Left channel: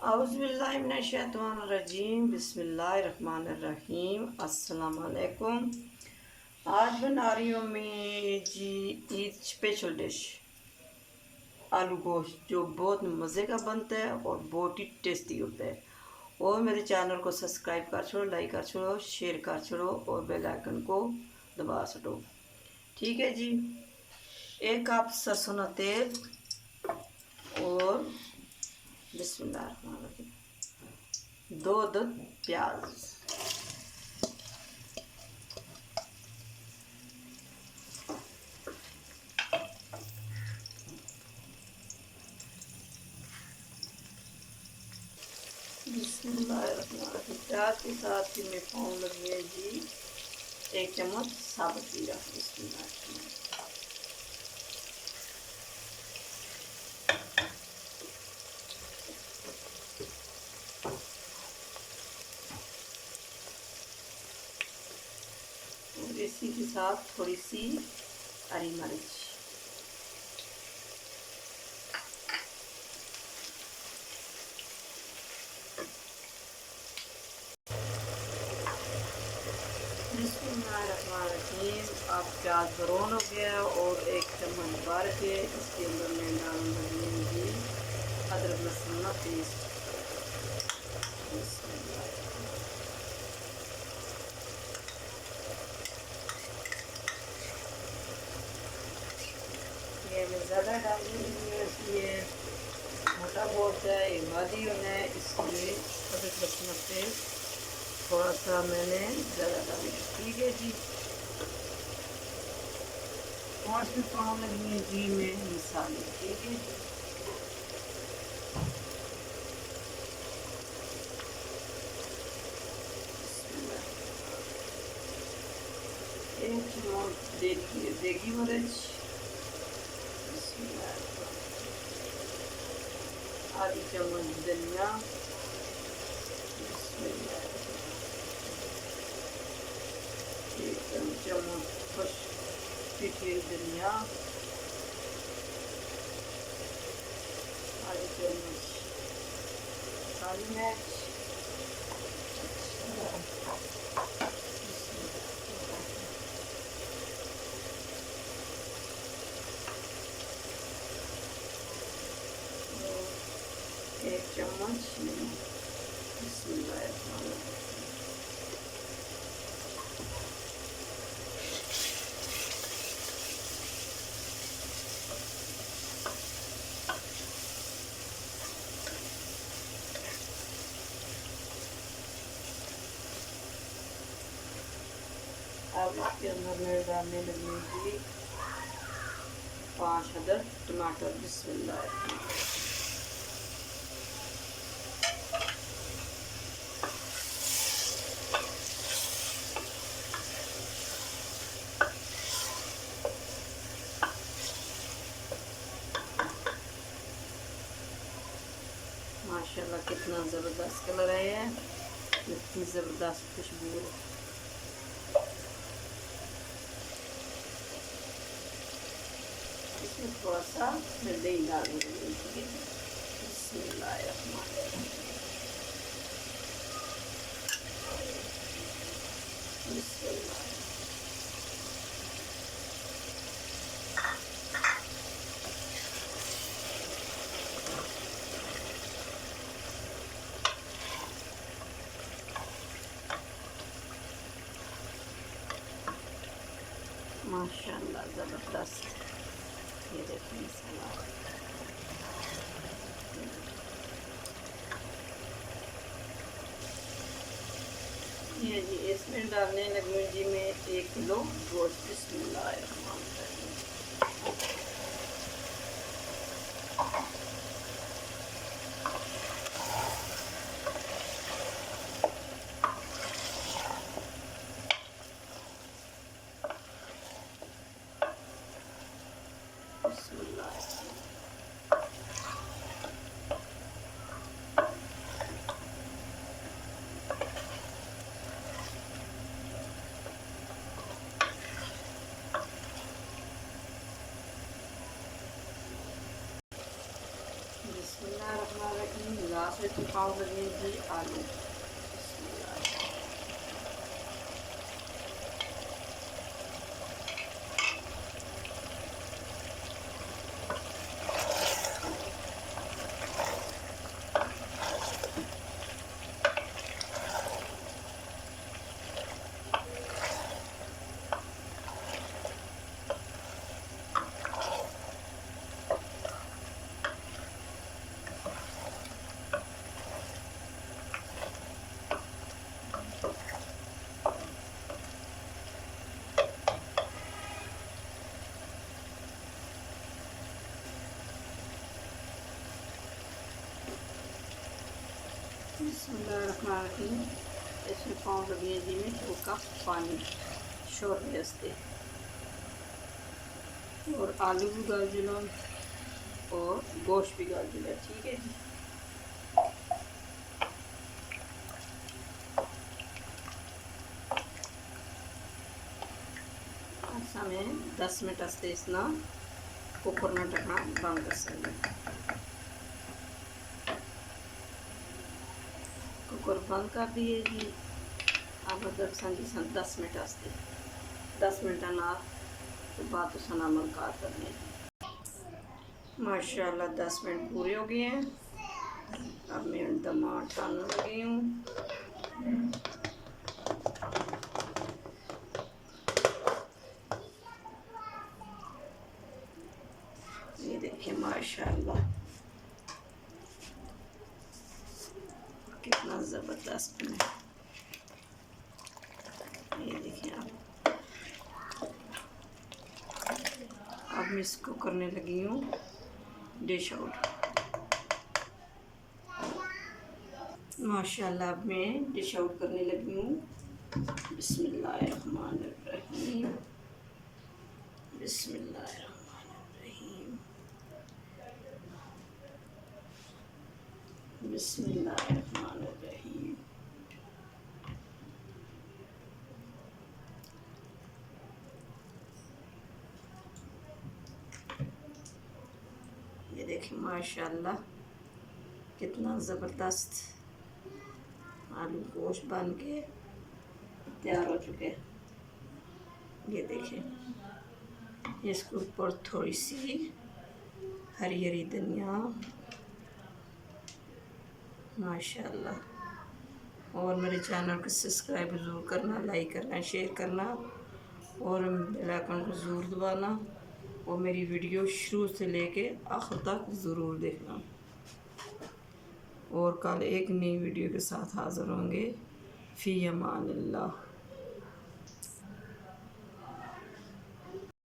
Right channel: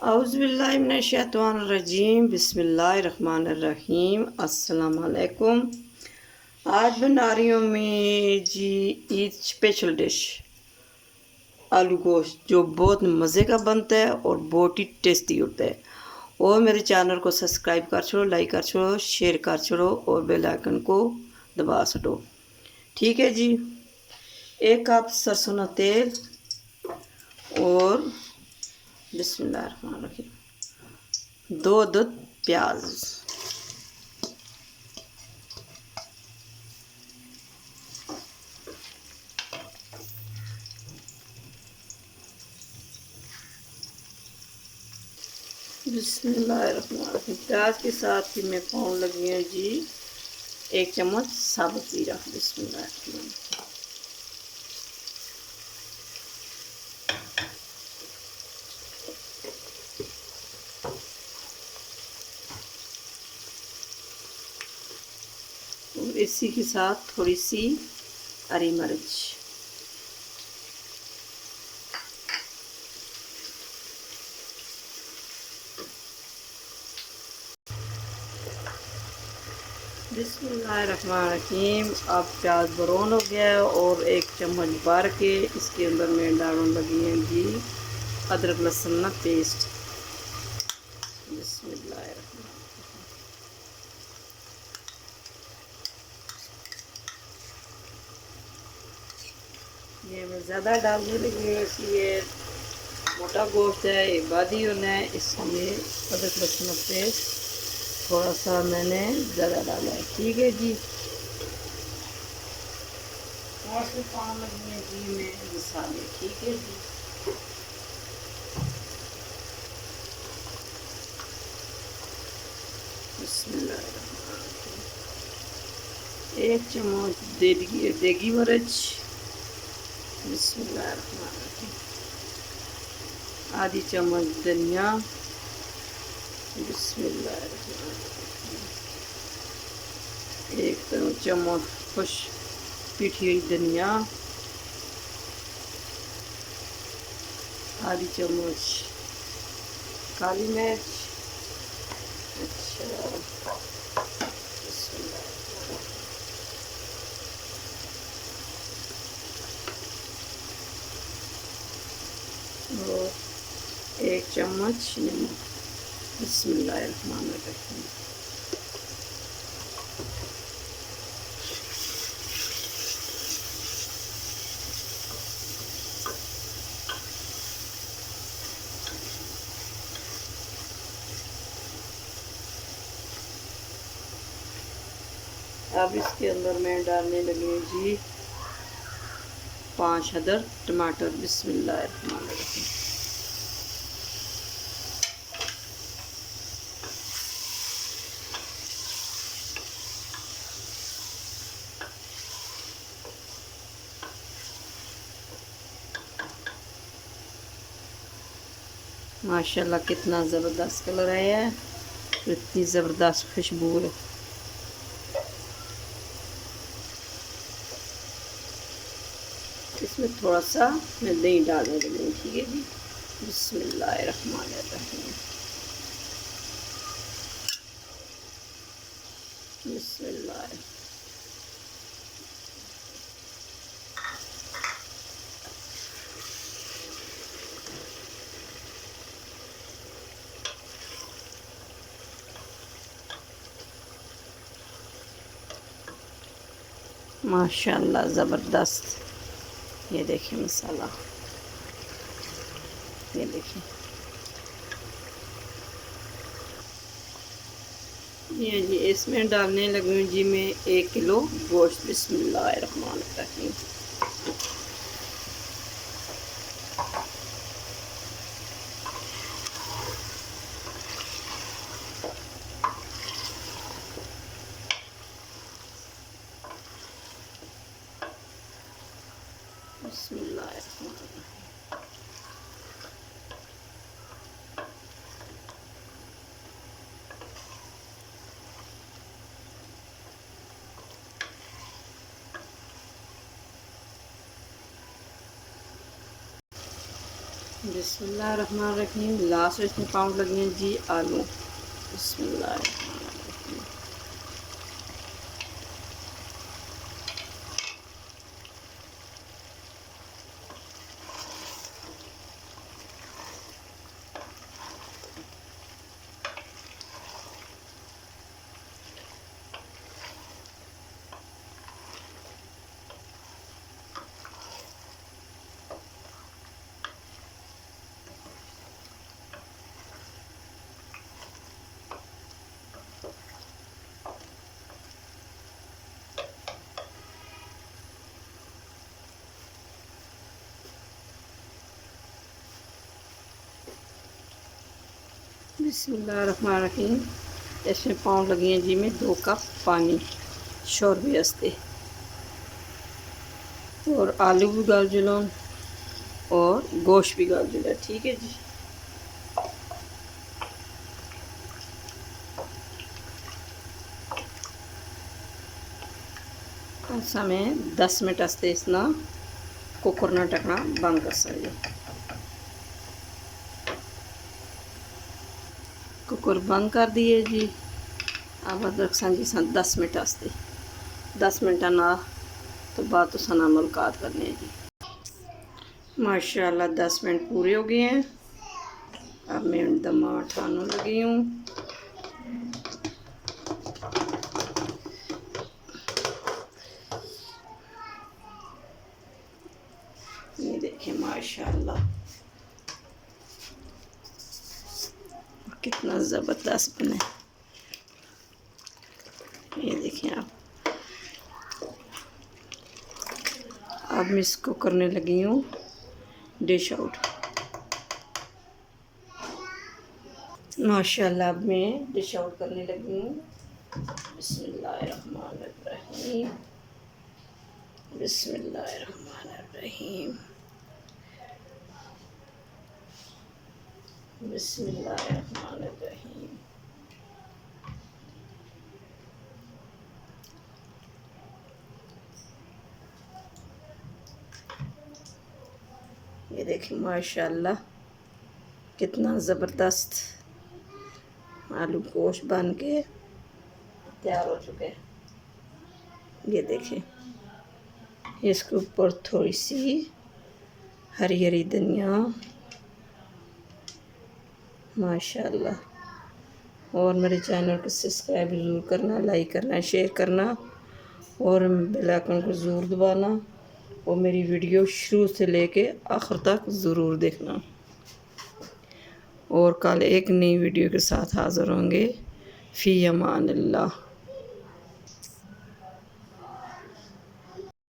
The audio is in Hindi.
औज़ुबिल्लाहिमिनश्शैतानिर्रजीम बिस्मिल्लाहिर्रहमानिर्रहीम अस्सलाम वालेकुम। आज बना रही हूँ मैं जी ईद स्पेशल डिश आलू गोश्त, जो बहुत मज़े का बनता है और बहुत ही टेस्टी होता है। और मेरे चैनल को सब्सक्राइब कर छोड़ो, लाइक कर छोड़ो, शेयर कर छोड़ो और बेल आइकन को दबा छोड़ो। ठीक है जी। 1 कप सरसों का तेल और बिस्मिल्लाहिर्रहमानिर्रहीम 2 अदद प्याज, बिस्मिल्लाहिर्रहमानिर्रहीम। प्याज के साथ ही मैं पाउन लगी है जी 1 चम्मच साबुत जीरा। बिस्मिल्लाहिर्रहमानिर्रहीम। और इसी के साथ थोड़ी सी हरी मिर्च, बिस्मिल्लाहिर्रहमानिर्रहीम। अब प्याज ब्राउन हो गया है और 1 चम्मच भर के इसके अंदर मैं डालने लगी है जी अदरक लहसुन का पेस्ट। बिस्मिल्लाहिर्रहमानिर्रहीम। ये मैं ज़्यादा डालने लगी हूँ इसलिए मोटा गोश्त है, इबादी है, इसलिए अदरक लहसुन का पेस्ट थोड़ा सा मैंने ज़्यादा डाला है। ठीक है जी। और फिर पाँव लगी है जी में मसाले। ठीक है जी। बिस्मिल्लाह। 1 चम्मच देगी मिर्च। बिस्मिल्लाह। आधी चम्मच धनिया। बिस्मिल्लाह। 1 चम्मच खुश पिठी हुई धनिया। आधी चम्मच काली मिर्च। अच्छा, और 1 चम्मच नमक। बिस्मिल्लाहिर्रहमानिर्रहीम। अब इसके अंदर मैं डालने लगी हूँ जी 5 अदद टमाटर। बिस्मिल्लाहिर्रहमानिर्रहीम। माशाल्लाह कितना ज़बरदस्त कलर आया है, इतनी ज़बरदस्त खुशबू है। इसमें थोड़ा सा मैं दही डालने लगी हूँ। ठीक है जी। बिस्मिल्लाहिर्रहमानिर्रहीम। बिस्मिल्लाह। माशाल्लाह ज़बरदस्त। ये देखिए मसाला, ये देखिए, ये जी इसमें डालने लगी हूँ जी मैं 1 किलो गोश्त। बिस्मिल्लाहिर्रहमानिर्रहीम। बिस्मिल्लाहिर्रहमानिर्रहीम। बिस्मिल्लाहिर्रहमानिर्रहीम। लास्ट इसमें पाँव लगे हैं जी आलू। बिस्मिल्लाह। बिस्मिल्लाहिर्रहमानिर्रहीम। इसमें पाँव लगी हैं जी में 2 कप पानी शोरबे वास्ते और आलू भी गाल जुलो और गोश्त भी गाल जुला। ठीक है जी। समय 10 मिनट वास्ते इसना कुकर ना ढकना बंद कर सकते। कुकर बंद कर दिए जी। अब रखा जी 10 मिनट वास्ते। 10 मिनट ना तो बाद तो मुलाकात करनी है जी। माशाल्लाह 10 मिनट पूरे हो गए हैं। अब मैं दम उठाने लगी हूँ। ये देखिए माशाल्लाह कितना ज़बरदस्त बना है। ये देखिए आप। अब मैं इसको करने लगी हूँ डिश आउट। माशाल्लाह अब मैं डिश आउट करने लगी हूँ। बिस्मिल्लाहिर्रहमानिर्रहीम। बिस्मिल्लाहिर्रहमानिर्रहीम। बिस्मिल्लाहिर्रहमानिर्रहीम। ये देखिए माशाल्लाह कितना ज़बरदस्त आलू गोश्त बन के तैयार हो चुके हैं। ये देखें इसके ऊपर थोड़ी सी हरी हरी धनिया माशाल्लाह। और मेरे चैनल को सब्सक्राइब ज़रूर करना, लाइक करना, शेयर करना और बेल आइकन को ज़रूर दबाना और मेरी वीडियो शुरू से लेके आखिर तक ज़रूर देखना। और कल एक नई वीडियो के साथ हाज़िर होंगे। फ़ी अमान अल्लाह।